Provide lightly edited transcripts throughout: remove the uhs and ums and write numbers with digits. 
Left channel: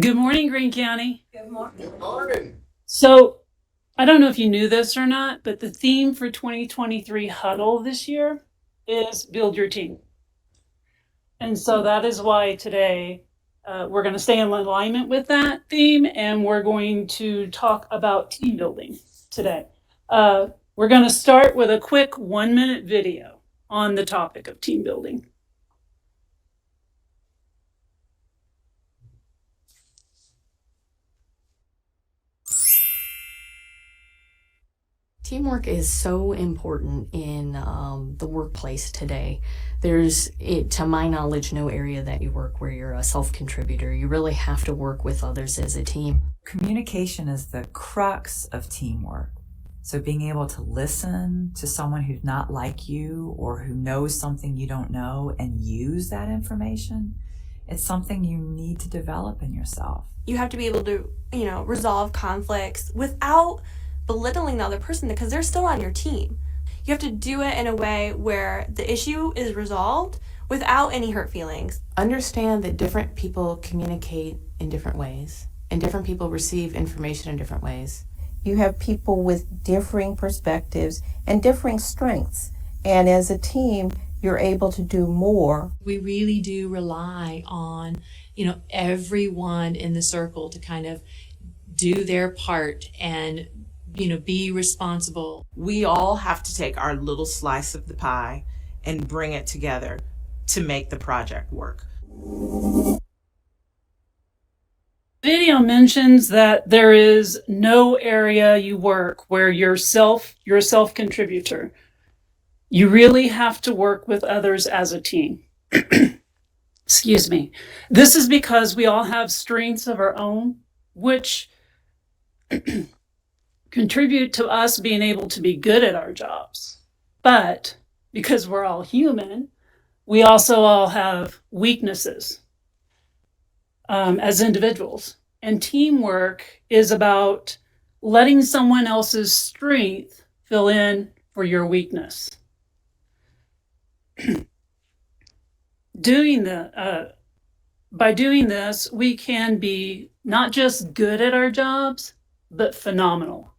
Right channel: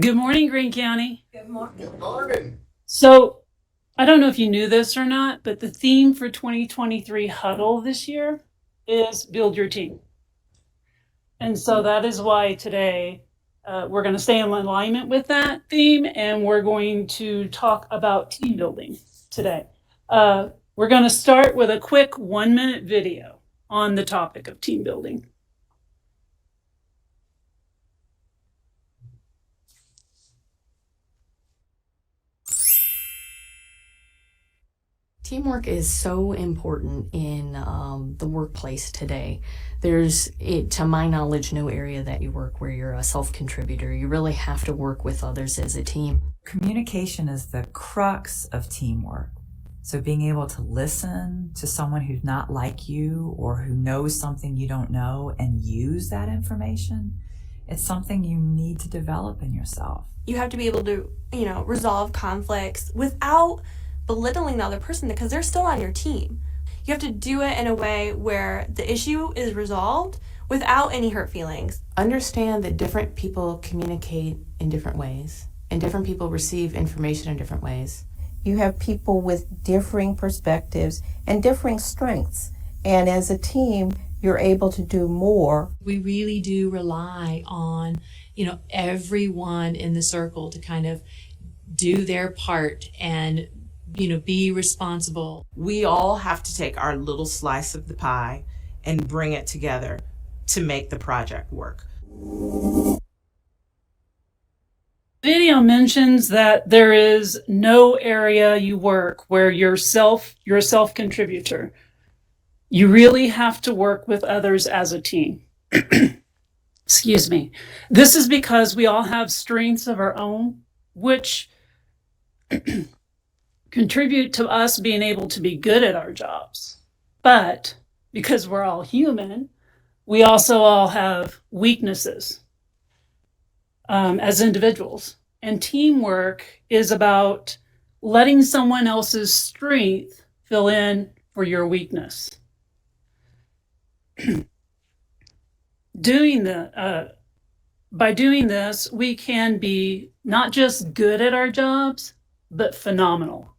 Good morning, Greene County. Good morning. Good morning. So, I don't know if you knew this or not, but the theme for 2023 Huddle this year is Build Your Team. And so that is why today we're going to stay in alignment with that theme, and we're going to talk about team building today. We're going to start with a quick 1-minute video on the topic of team building. Teamwork is so important in the workplace today. There's, to my knowledge, no area that you work where you're a self-contributor. You really have to work with others as a team. Communication is the crux of teamwork. So being able to listen to someone who's not like you or who knows something you don't know and use that information, it's something you need to develop in yourself. You have to be able to, resolve conflicts without belittling the other person because they're still on your team. You have to do it in a way where the issue is resolved without any hurt feelings. Understand that different people communicate in different ways, and different people receive information in different ways. You have people with differing perspectives and differing strengths. And as a team, you're able to do more. We really do rely on, everyone in the circle to kind of do their part and, be responsible. We all have to take our little slice of the pie and bring it together to make the project work. Video mentions that there is no area you work where you're a self-contributor. You really have to work with others as a team. Excuse me. This is because we all have strengths of our own, which contribute to us being able to be good at our jobs. But because we're all human, we also all have weaknesses as individuals. And teamwork is about letting someone else's strength fill in for your weakness. By doing this, we can be not just good at our jobs, but phenomenal.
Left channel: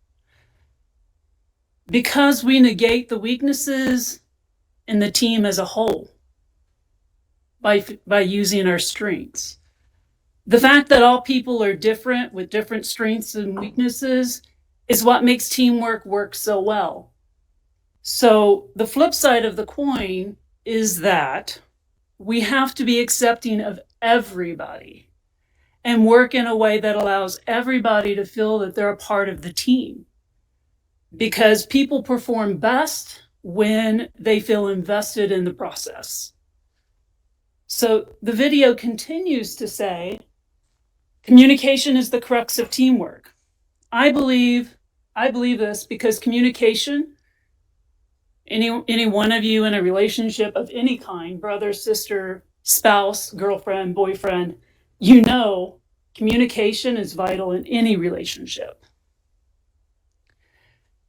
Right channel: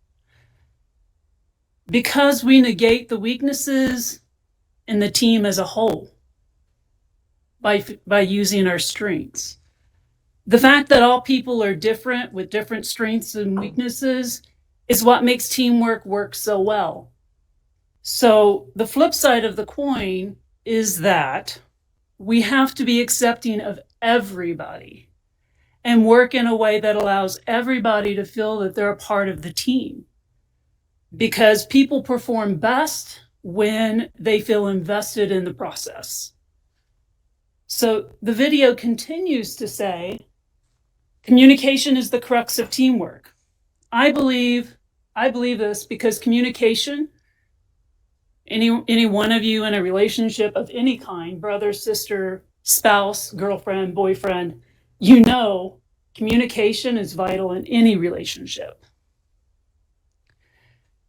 Because we negate the weaknesses in the team as a whole by using our strengths. The fact that all people are different with different strengths and weaknesses is what makes teamwork work so well. So the flip side of the coin is that we have to be accepting of everybody and work in a way that allows everybody to feel that they're a part of the team. Because people perform best when they feel invested in the process. So the video continues to say, communication is the crux of teamwork. I believe this because communication, any one of you in a relationship of any kind, brother, sister, spouse, girlfriend, boyfriend, communication is vital in any relationship.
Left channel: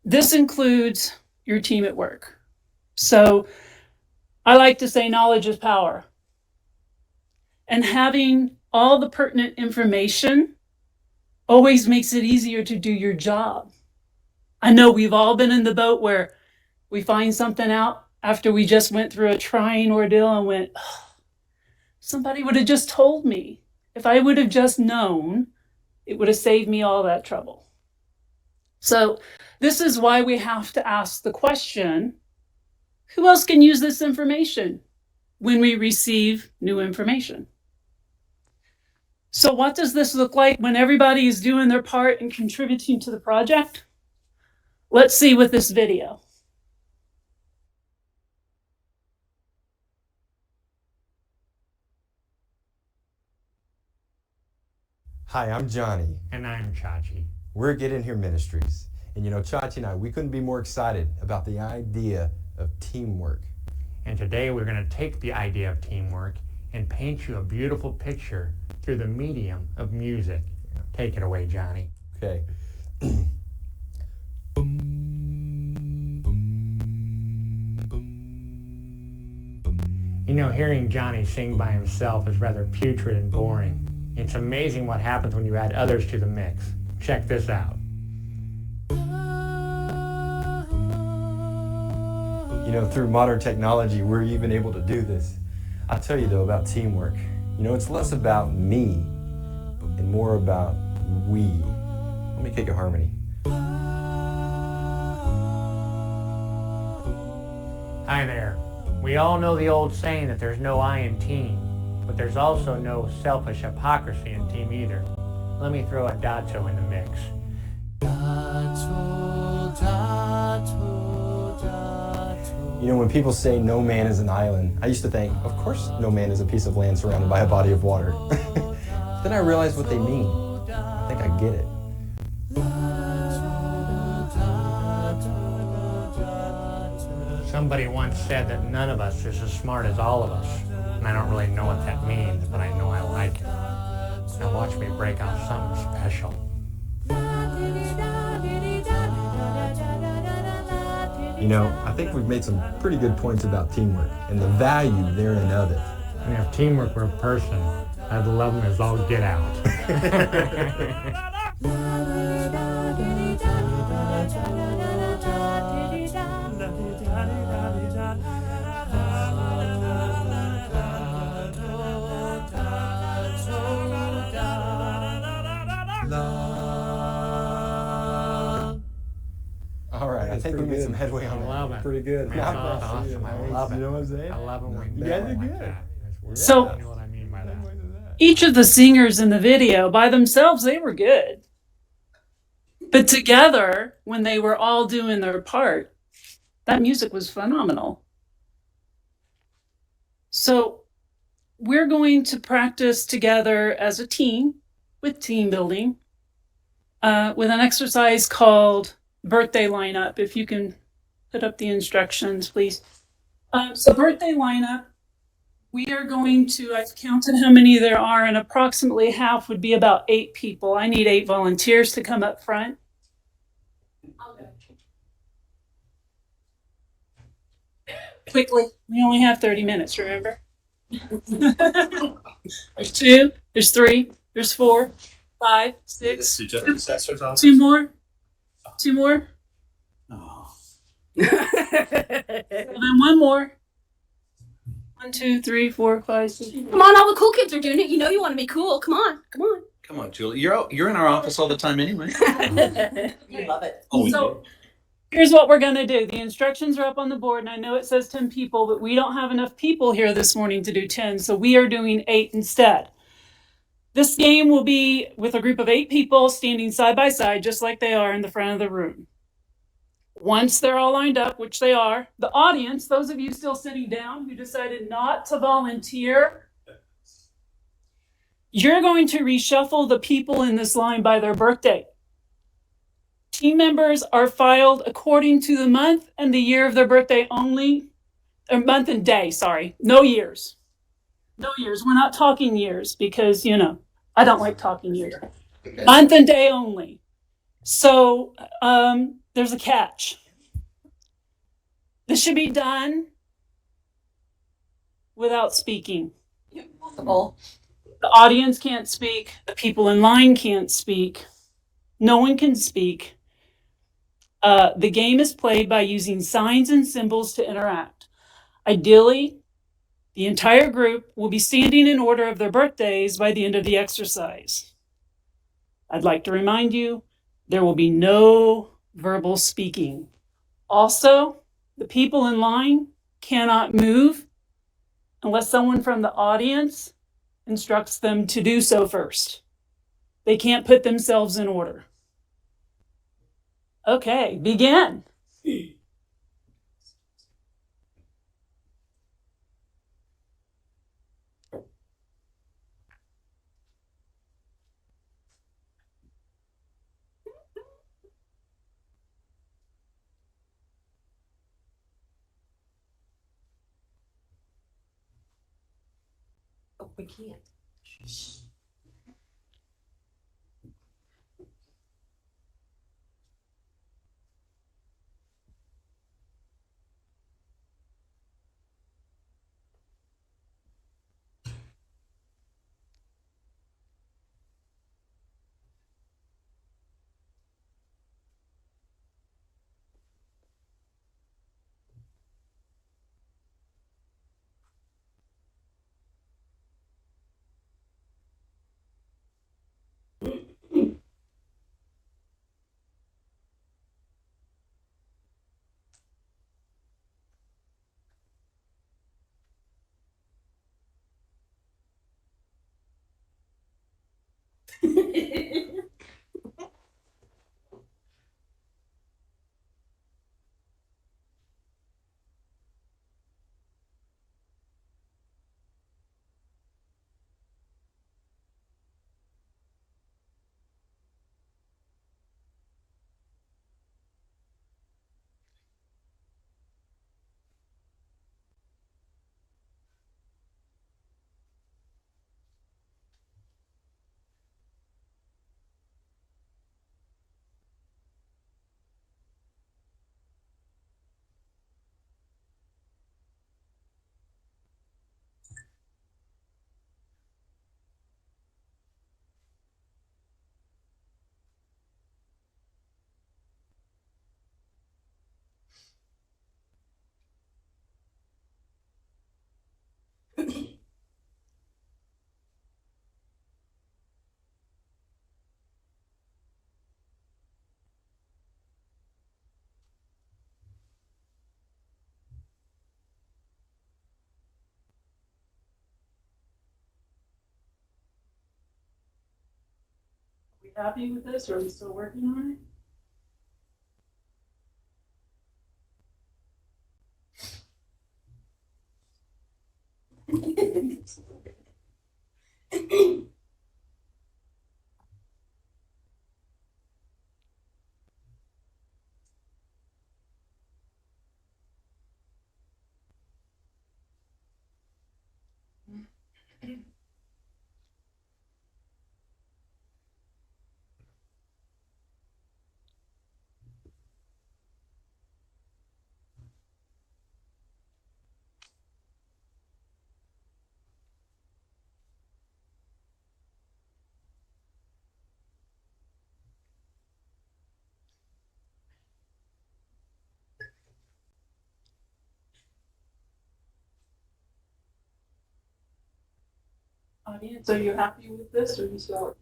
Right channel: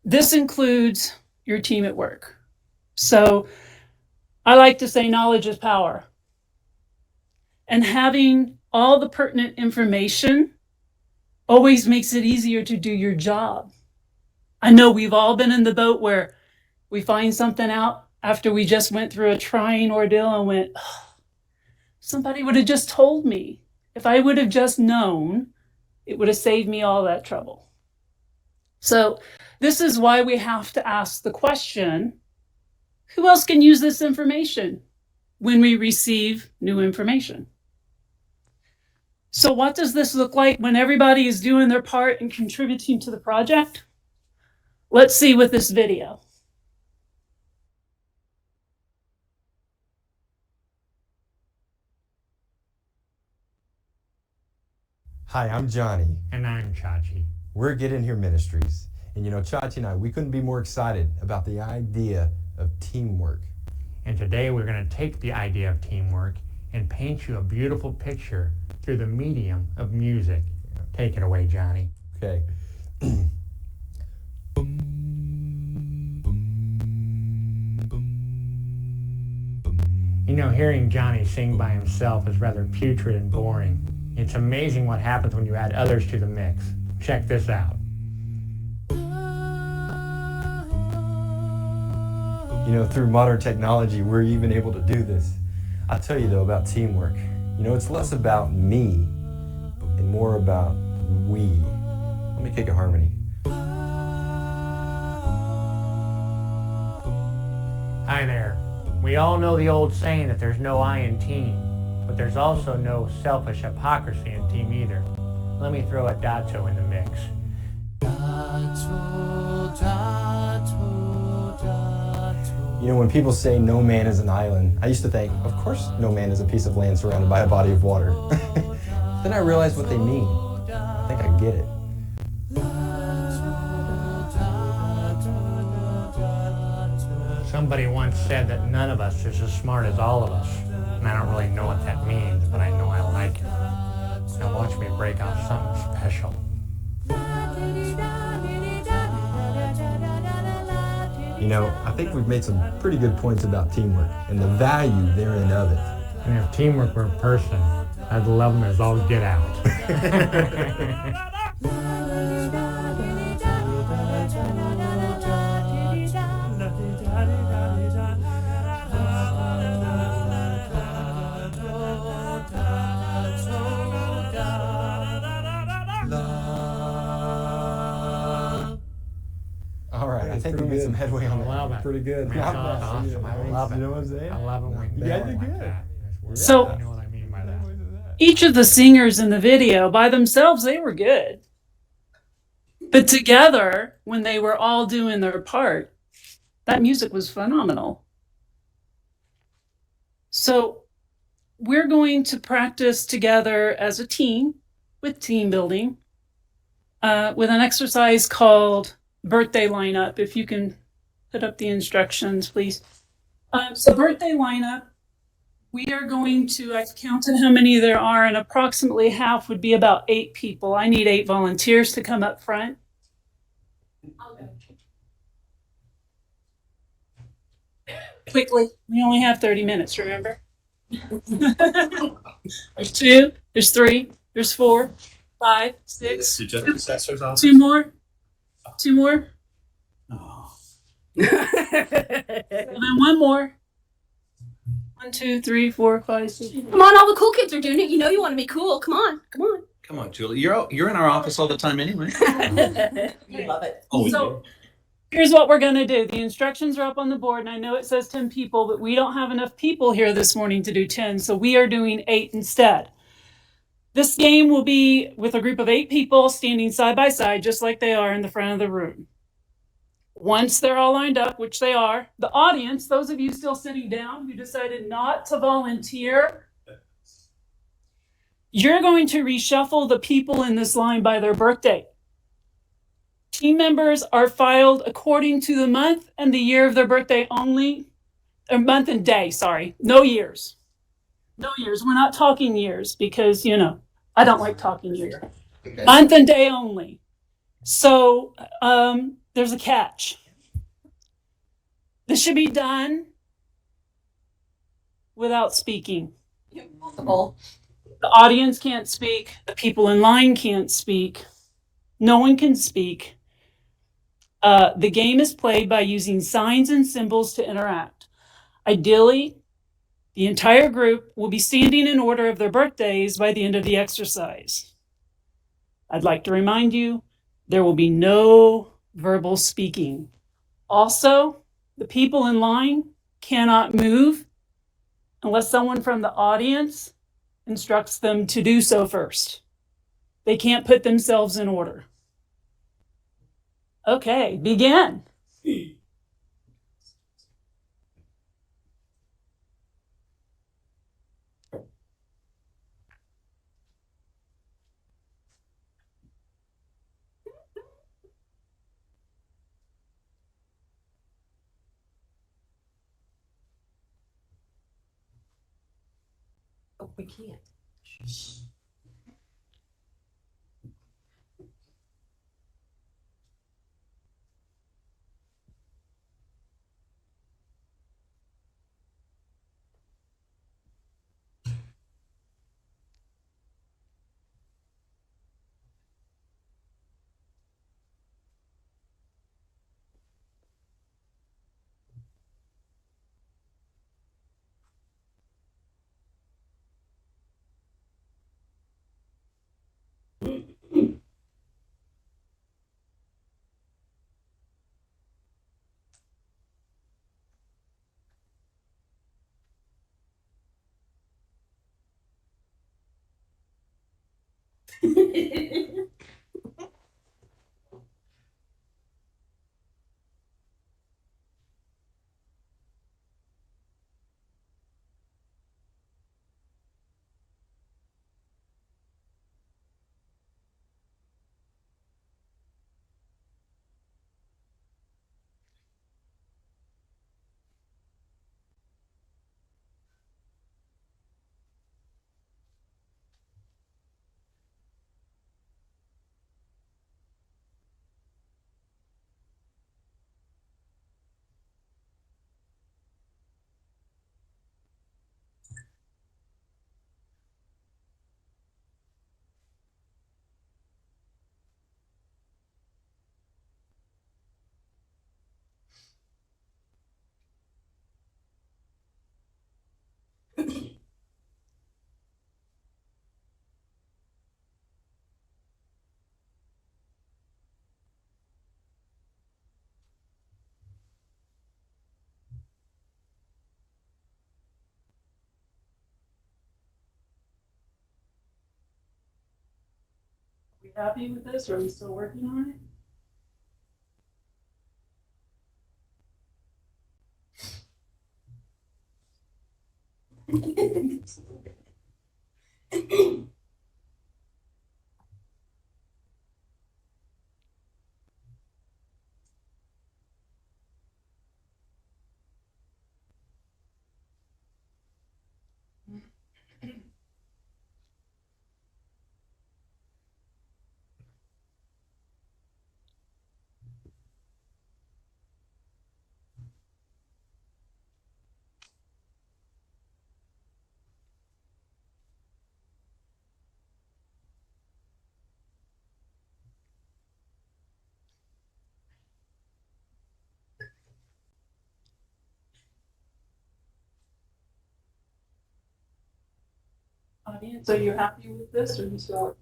This includes your team at work. So I like to say knowledge is power. And having all the pertinent information always makes it easier to do your job. I know we've all been in the boat where we find something out after we just went through a trying ordeal and went, oh, somebody would have just told me. If I would have just known, it would have saved me all that trouble. So this is why we have to ask the question, who else can use this information when we receive new information? So what does this look like when everybody is doing their part and contributing to the project? Let's see with this video. Hi, I'm Johnny. And I'm Chachi. We're Get In Here Ministries. And Chachi and I, we couldn't be more excited about the idea of teamwork. And today we're going to take the idea of teamwork and paint you a beautiful picture through the medium of music. Take it away, Johnny. Okay. Hearing Johnny sing by himself is rather putrid and boring. It's amazing what happens when you add others to the mix. Check this out. You know, through modern technology, we're even able to do this. I'll tell you though about teamwork. You know, it's less about me and more about we. Let me kick a harmony. Hi there. We all know the old saying that there's no I in team, but there's also no selfish hypocrisy in team either. Let me throw a dato in the mix. You know, when people say no man is an island, I used to think, of course no man is a piece of land surrounded by a body of water. Then I realized what they mean. I think I get it. Somebody once said that none of us is as smart as all of us. And I don't really know what that means, but I know I like it. Now watch me break out something special. You know, I think we've made some pretty good points about teamwork and the value therein of it. And if teamwork were a person, I'd love them as all get out. All right, I think we made some headway on I love that. it. Pretty good. That's awesome. I love it. You know what I'm saying? I love it when You you guys do are it like good. that. So- You know what I mean by that. Each of the singers in the video by themselves, they were good. But together, when they were all doing their part, that music was phenomenal. So we're going to practice together as a team with team building with an exercise called birthday lineup. If you can put up the instructions, please. So birthday lineup, we are going to, I've counted how many there are, and approximately half would be about 8 people. I need 8 volunteers to come up front. Quickly, we only have 30 minutes, remember? There's 2, there's 3, there's 4, 5, 6, 2 more, 2 more, and then 1 more. 1, 2, 3, 4, 5, 6. Come on, all the cool kids are doing it. You know you want to be cool. Come on, come on. Come on, Julie. You're in our office all the time anyway. You love it. Oh, we So here's what we're going to do. The instructions are up on the board, and I know it says 10 people, but we don't have enough people here this morning to do 10, so we are doing 8 instead. This game will be with a group of 8 people standing side by side, just like they are in the front of the room. Once they're all lined up, which they are, the audience, those of you still sitting down who decided not to volunteer, you're going to reshuffle the people in this line by their birthday. Team members are filed according to the month and the year of their birthday only, or month and day, sorry, no years. No years, we're not talking years because, you know, I don't like talking years. Okay. Month and day only. So there's a catch. This should be done without speaking. Impossible. The audience can't speak. The people in line can't speak. No one can speak. The game is played by using signs and symbols to interact. Ideally, the entire group will be standing in order of their birthdays by the end of the exercise. I'd like to remind you, there will be no verbal speaking. Also, the people in line cannot move unless someone from the audience instructs them to do so first. They can't put themselves in order. Okay, begin. Oh, we can't. we happy with this, or are we still working on it? Audience, are you happy with this, or are you still?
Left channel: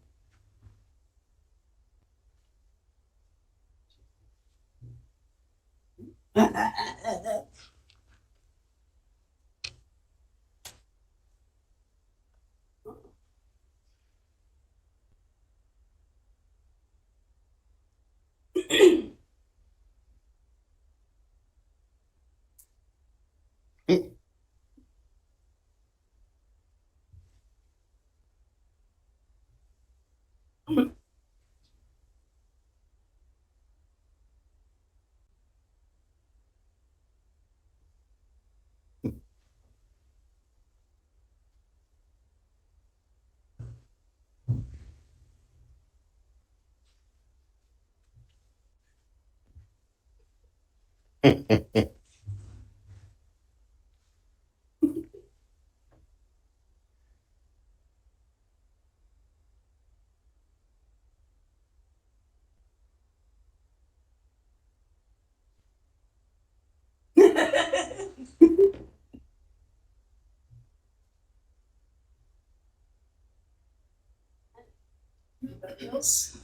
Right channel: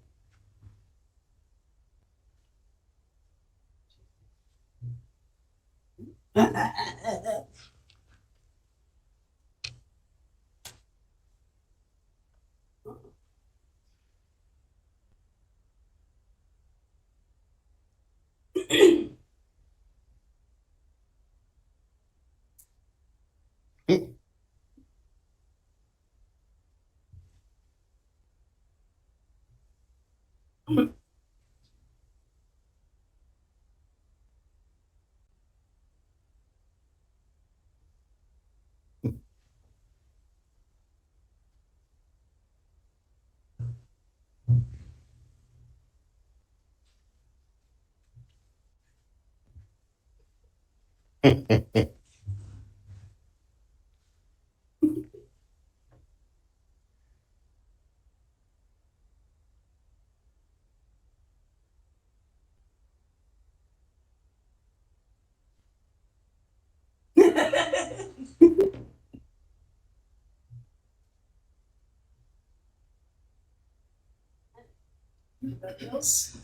Anybody else?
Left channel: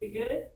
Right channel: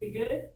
We good?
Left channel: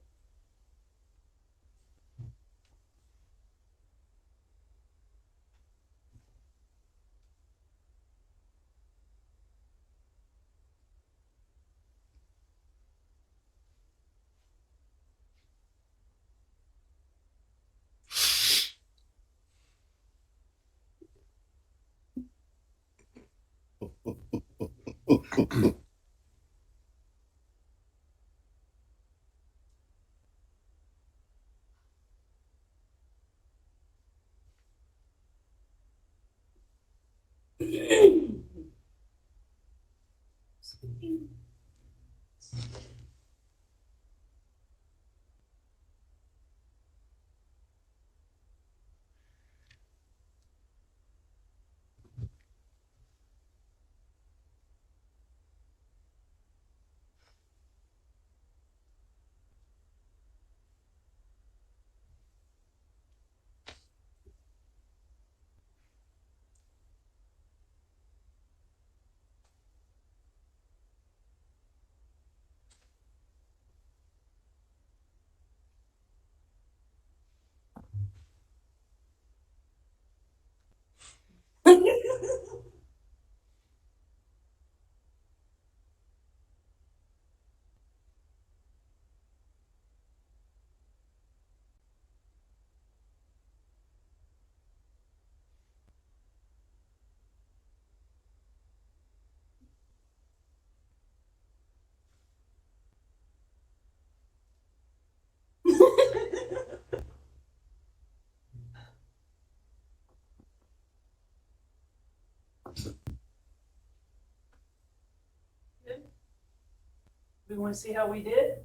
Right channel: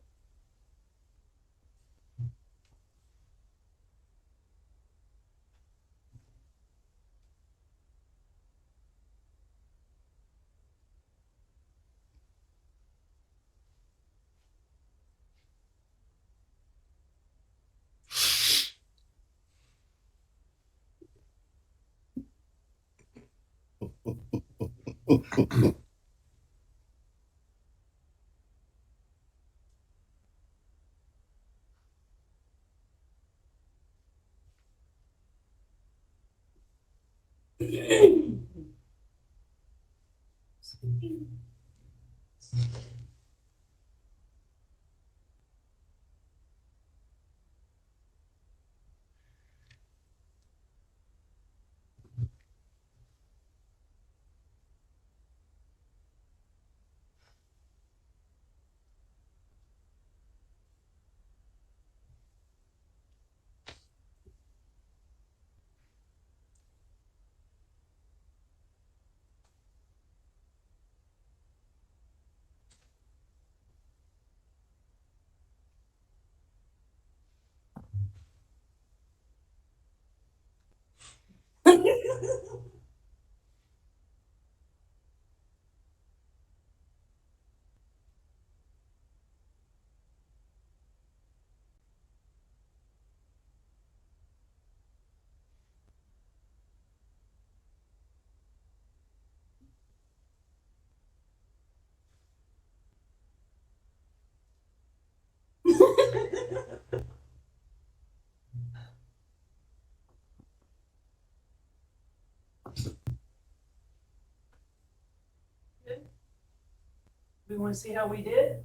We want to see how we did?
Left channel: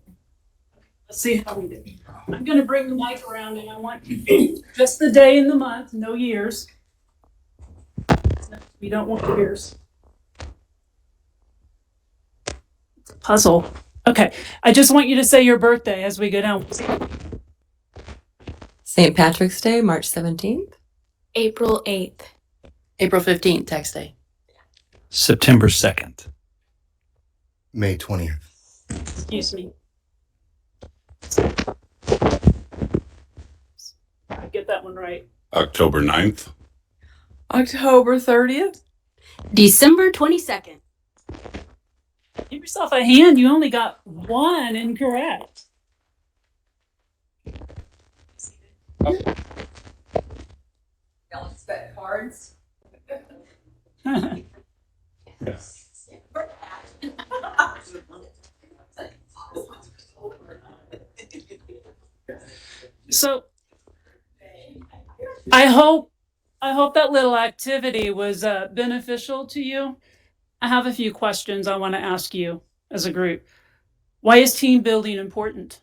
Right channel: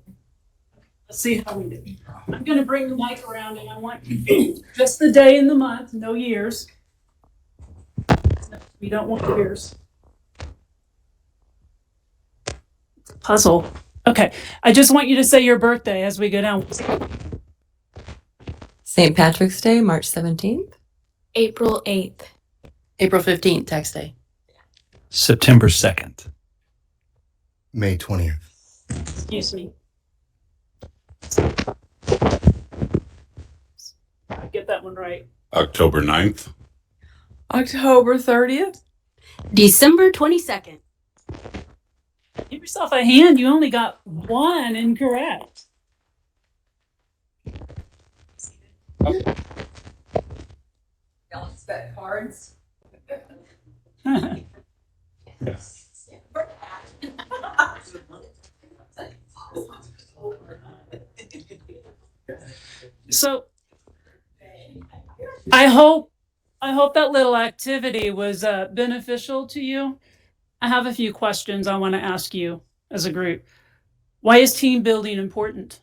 Let's see how we did. I'm going to bring the mic around, and I want just the day and the month, no years. We don't want years. It's a puzzle. Okay, I just want you to say your birthday as we go down. St. Patrick's Day, March 17th. April 8th. April 15th, tax day. September 2nd. May 20th. Excuse me. I get that one right. October 9th. October 30th. December 22nd. yourself a hand. You only got one incorrect. Y'all expect cards? So I hope that little activity was beneficial to you. I have a few questions I want to ask you as a group. Why is team building important?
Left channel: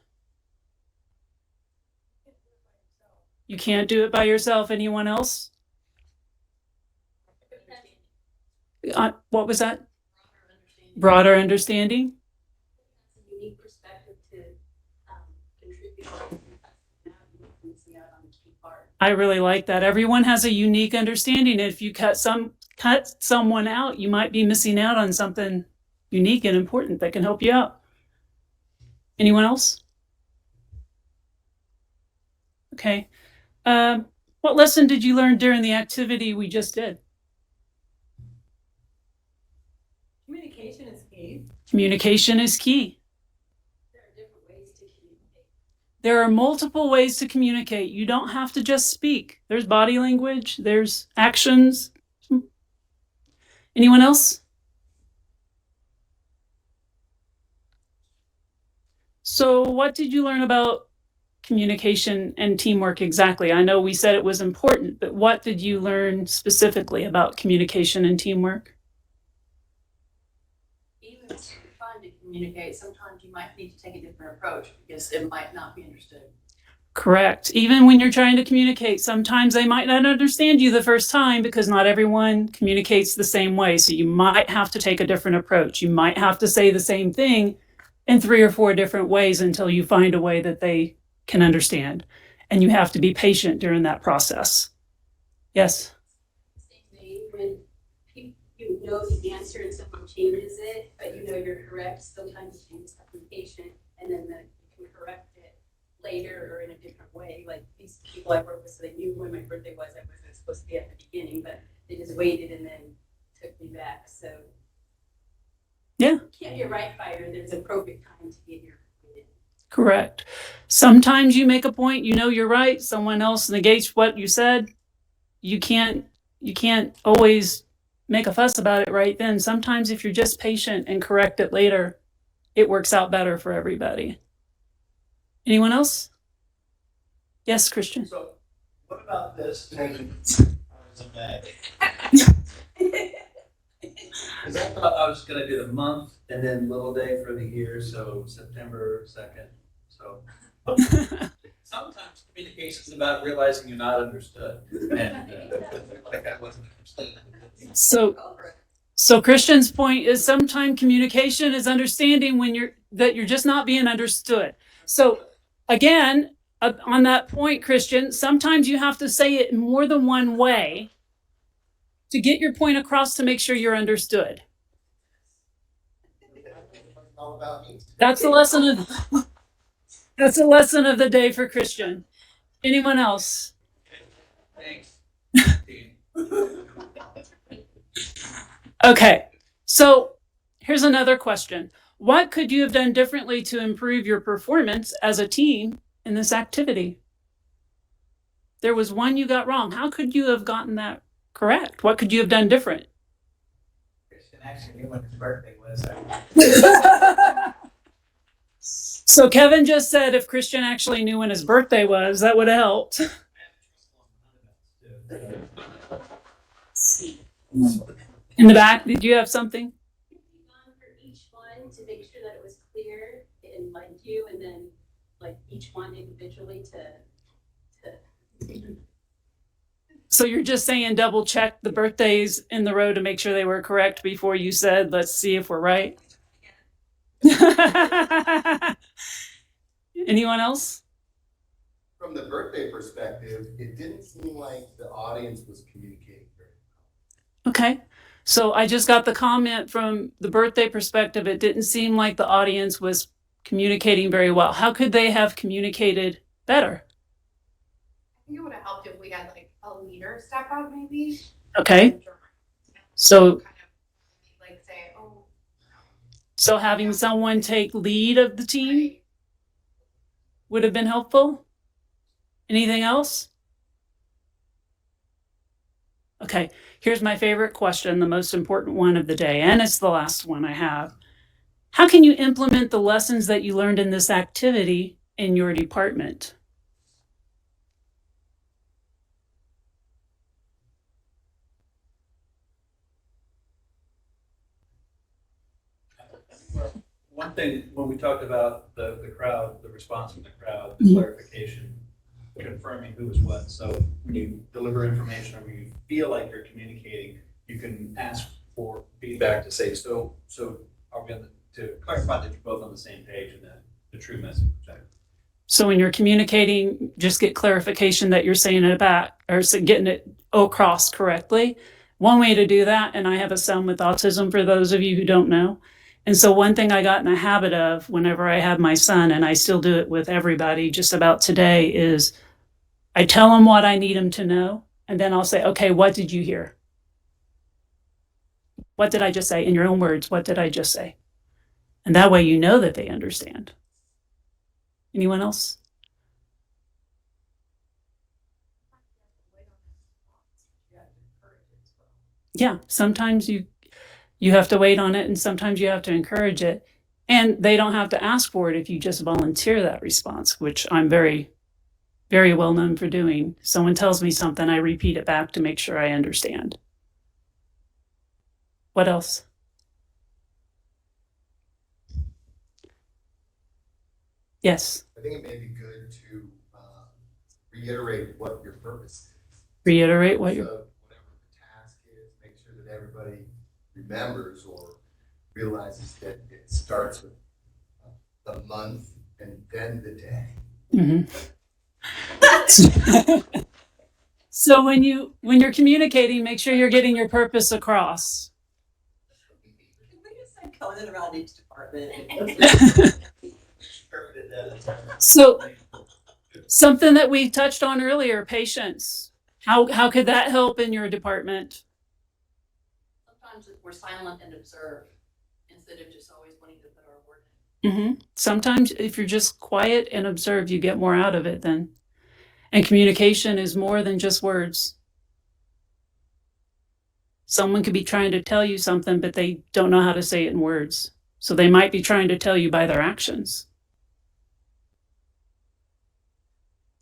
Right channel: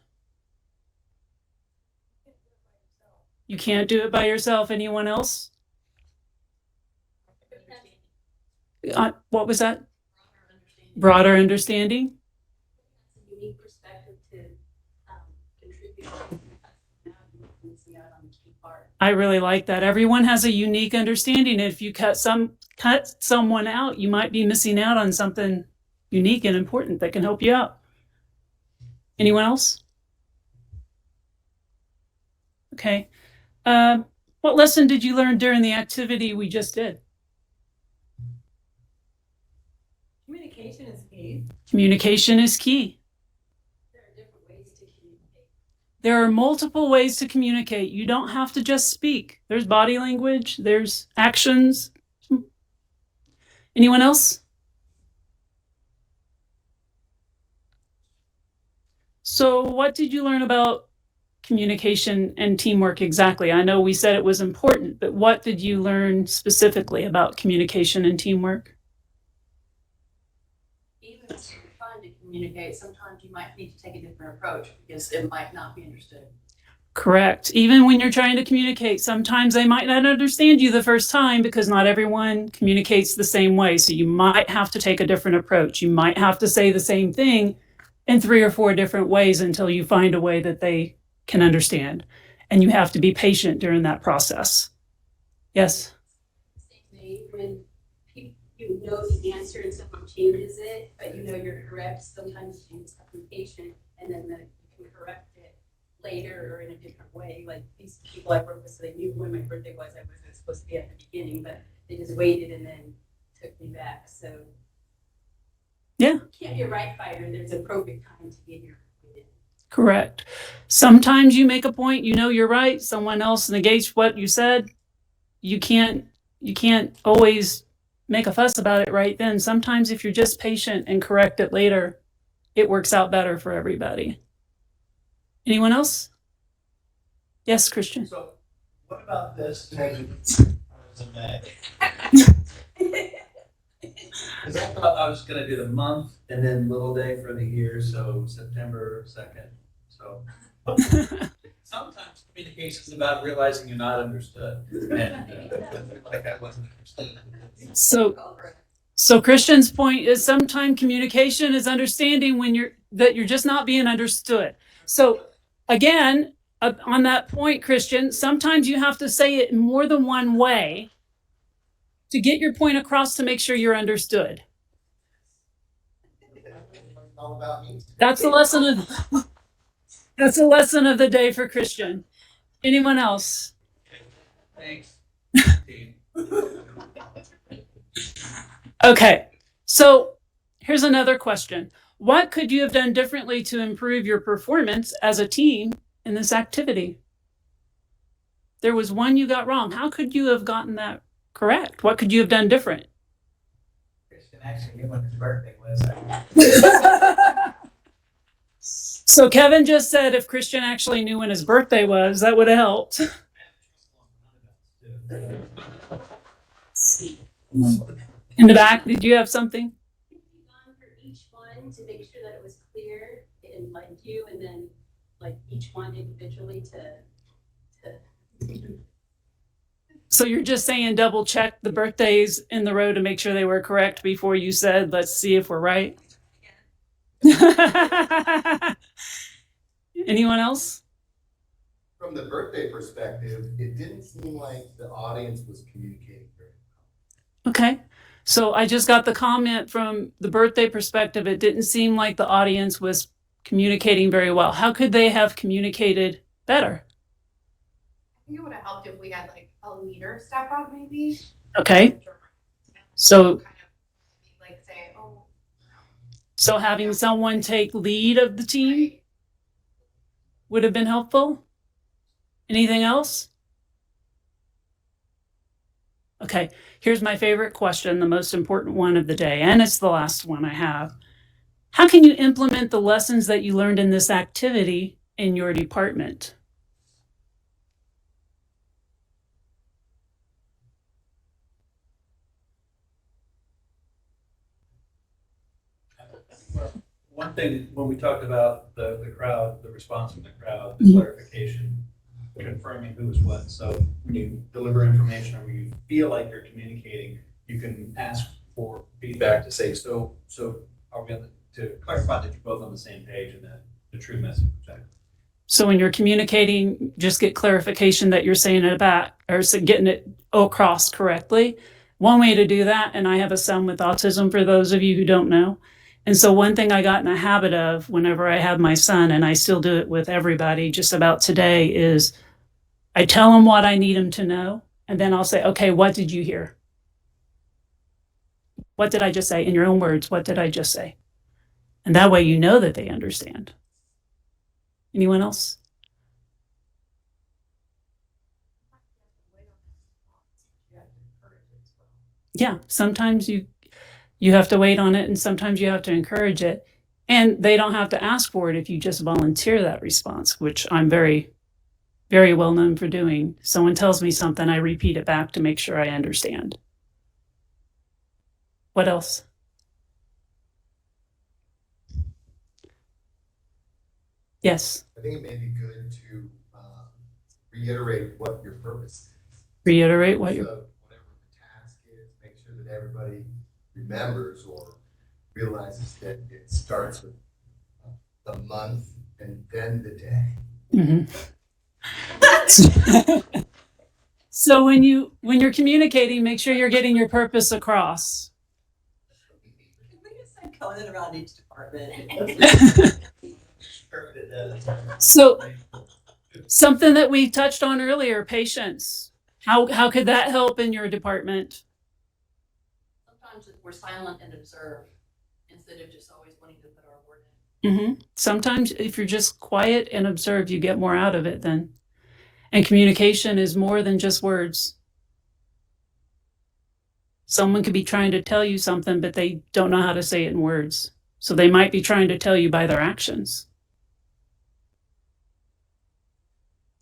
You can't do it by yourself. Anyone else? What was that? Broader understanding. I really like that. Everyone has a unique understanding. If you cut someone out, you might be missing out on something unique and important that can help you out. Anyone else? Okay. What lesson did you learn during the activity we just did? Communication is key. Communication is key. There are multiple ways to communicate. You don't have to just speak. There's body language, there's actions. Anyone else? So what did you learn about communication and teamwork exactly? I know we said it was important, but what did you learn specifically about communication and teamwork? Even if it's fun to communicate, sometimes you might need to take a different approach because it might not be understood. Correct. Even when you're trying to communicate, sometimes they might not understand you the first time because not everyone communicates the same way. So you might have to take a different approach. You might have to say the same thing in 3 or 4 different ways until you find a way that they can understand. And you have to be patient during that process. Yes? When you know the answer and someone changes it, but you know you're correct, sometimes you just have to be patient and then you can correct it later or in a different way. Like these people I work with, so they knew when my birthday was. I wasn't supposed to be at the beginning, but they just waited and then took me back. So yeah, you can't be a right fighter. There's a appropriate time to get your point in. Correct. Sometimes you make a point, you know you're right, someone else negates what you said. You can't always make a fuss about it right then. Sometimes if you're just patient and correct it later, it works out better for everybody. Anyone else? Yes, Christian. So what about this? Because I thought I was going to do the month and then little day for the year, so September 2nd. So sometimes communication is about realizing you're not understood. And like I wasn't understood. So Christian's point is sometimes communication is understanding when you're just not being understood. So again, on that point, Christian, sometimes you have to say it in more than one way to get your point across to make sure you're understood. That's the lesson of the day for Christian. Anyone else? Thanks. Okay, so here's another question. What could you have done differently to improve your performance as a team in this activity? There was one you got wrong. How could you have gotten that correct? What could you have done different? Christian actually knew when his birthday was. So Kevin just said if Christian actually knew when his birthday was, that would have helped. In the back, did you have something? For each one to make sure that it was clear and like you, and then like each one individually to. So you're just saying double check the birthdays in the row to make sure they were correct before you said, let's see if we're right. Anyone else? From the birthday perspective, it didn't seem like the audience was communicating very well. Okay. So I just got the comment from the birthday perspective. It didn't seem like the audience was communicating very well. How could they have communicated better? I think it would have helped if we had like a leader step up maybe. Okay. So Kind of like say, oh. So having someone take lead of the team would have been helpful. Anything else? Okay, here's my favorite question, the most important one of the day, and it's the last one I have. How can you implement the lessons that you learned in this activity in your department? One thing, when we talked about the crowd, the response from the crowd, the clarification, confirming who is what. So when you deliver information or when you feel like you're communicating, you can ask for feedback to say, so are we to clarify that you're both on the same page and that the true message. So when you're communicating, just get clarification that you're saying it back or getting it across correctly. One way to do that, and I have a son with autism for those of you who don't know. And so one thing I got in the habit of whenever I have my son, and I still do it with everybody just about today, is I tell him what I need him to know. And then I'll say, okay, what did you hear? What did I just say? In your own words, what did I just say? And that way you know that they understand. Anyone else? Yeah, sometimes you have to wait on it, and sometimes you have to encourage it. And they don't have to ask for it if you just volunteer that response, which I'm very, very well known for doing. Someone tells me something, I repeat it back to make sure I understand. What else? Yes. I think it may be good to reiterate what your purpose is. Reiterate what so your whatever the task is, make sure that everybody remembers or realizes that it starts with the month and then the day. Mm-hmm. So when you're communicating, make sure you're getting your purpose across. Can we just say comment around each department? So something that we touched on earlier, patience. How could that help in your department? Sometimes we're silent and observe instead of just always wanting to put our word in. Mm-hmm. Sometimes if you're just quiet and observe, you get more out of it then. And communication is more than just words. Someone could be trying to tell you something, but they don't know how to say it in words. So they might be trying to tell you by their actions.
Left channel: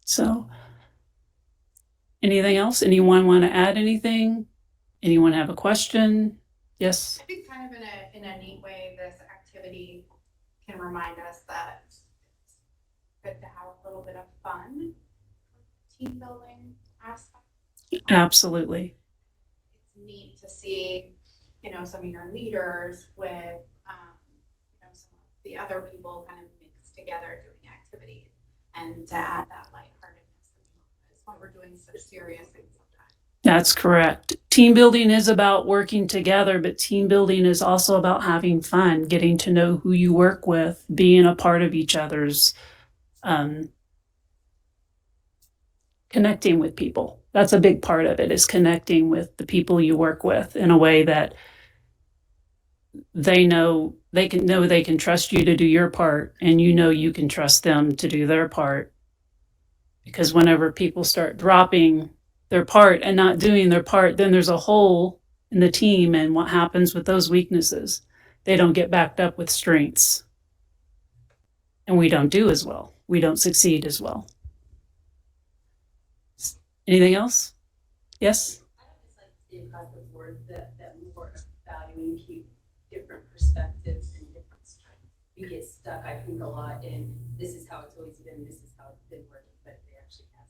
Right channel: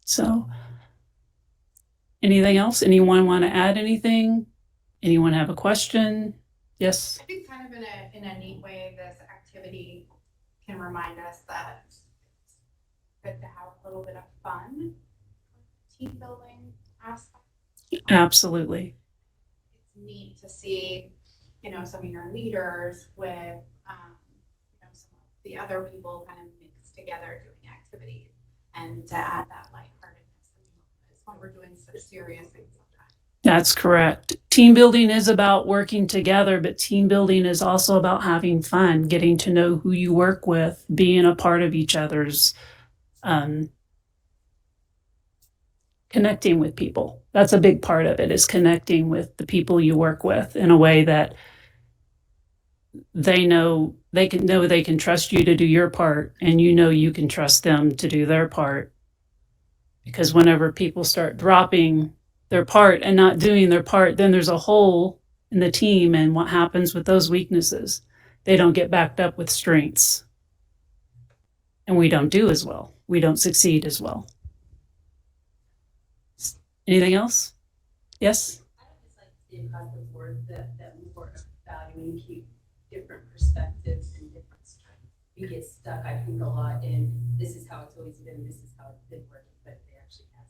So, anything else? Anyone want to add anything? Anyone have a question? Yes? I think kind of in a neat way, this activity can remind us that it's good to have a little bit of fun, team building aspect. Absolutely. It's neat to see, some of your leaders with, some of the other people kind of mixed together doing activities, and to add that lightheartedness when we're doing such serious things sometimes. That's correct. Team building is about working together, but team building is also about having fun, getting to know who you work with, being a part of each other's, connecting with people. That's a big part of it, is connecting with the people you work with in a way that they can trust you to do your part, and you can trust them to do their part. Because whenever people start dropping their part and not doing their part, then there's a hole in the team, and what happens with those weaknesses? They don't get backed up with strengths. And we don't do as well. We don't succeed as well. Anything else? Yes? I would just like to see across the board that we were valuing keep different perspectives and different strengths. We get stuck, I think, a lot in this is how it's always been, this is how it's been working, but they actually have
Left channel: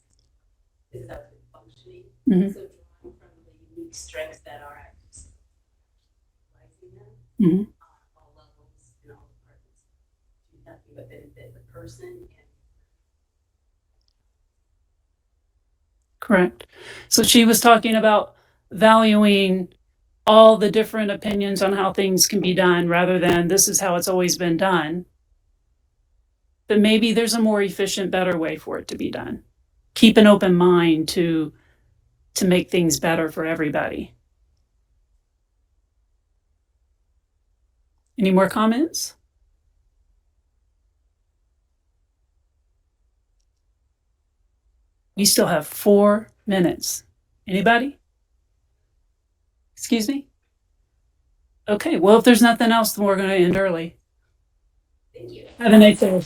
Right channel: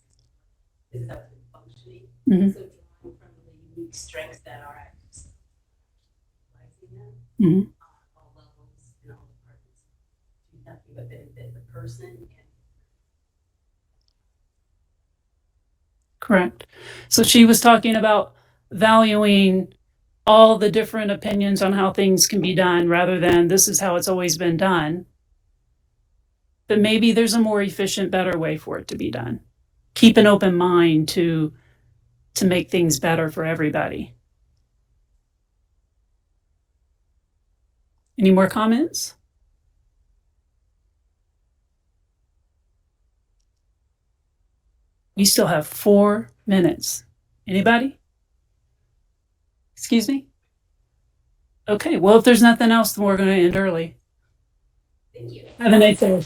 this is how it's been functioning. Mm-hmm. So drawing from the unique strengths that are actually utilizing them Mm-hmm. on all levels and all departments do nothing but benefit the person and Correct. So she was talking about valuing all the different opinions on how things can be done rather than this is how it's always been done. But maybe there's a more efficient, better way for it to be done. Keep an open mind to make things better for everybody. Any more comments? We still have 4 minutes. Anybody? Excuse me? Okay, well, if there's nothing else, then we're going to end early. Thank you. Have a nice day.